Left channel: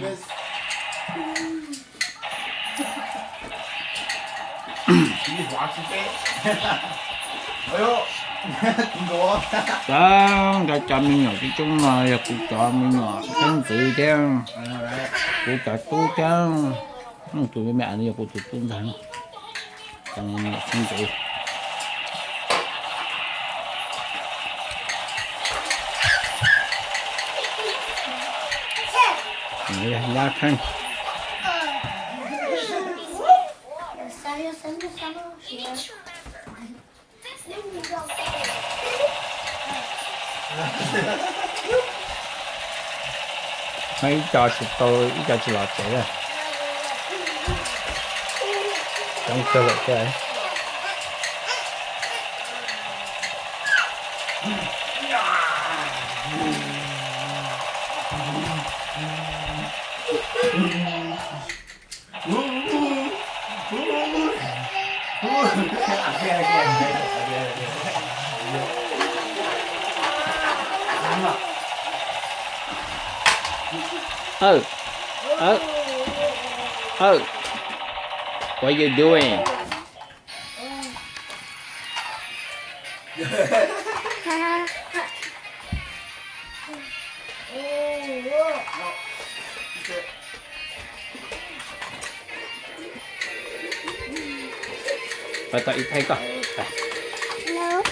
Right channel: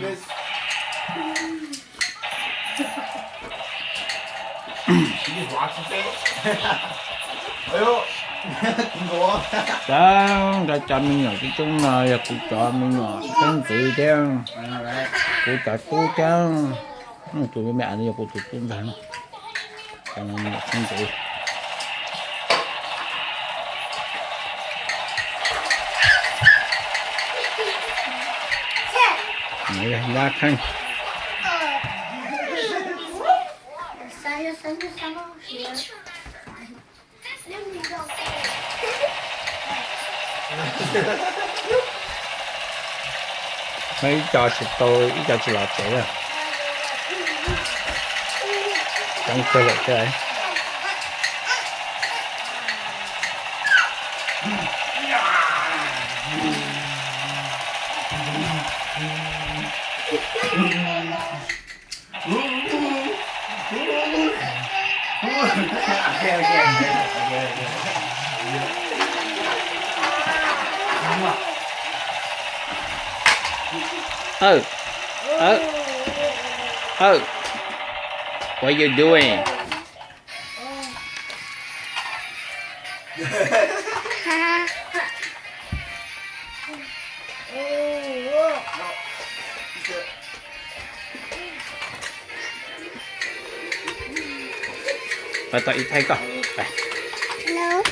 Miss. You just watching it? Ayo. Tinggal. Đó, đã cho mình nhỏ cái chung này, cũng cho mình nhỏ thân tự trang, cũng cho tu trang, tụi mẹ này cũng tụi tuân thẳng, cho nên nhỏ thân tự. Này là đa thân. Mấy trò xịt tôi, ý trò xịt lọt chạy ra. Trong cơ lợi cái đấy. Oh, oh, oh, what are you doing? Và tụi thấy con. No.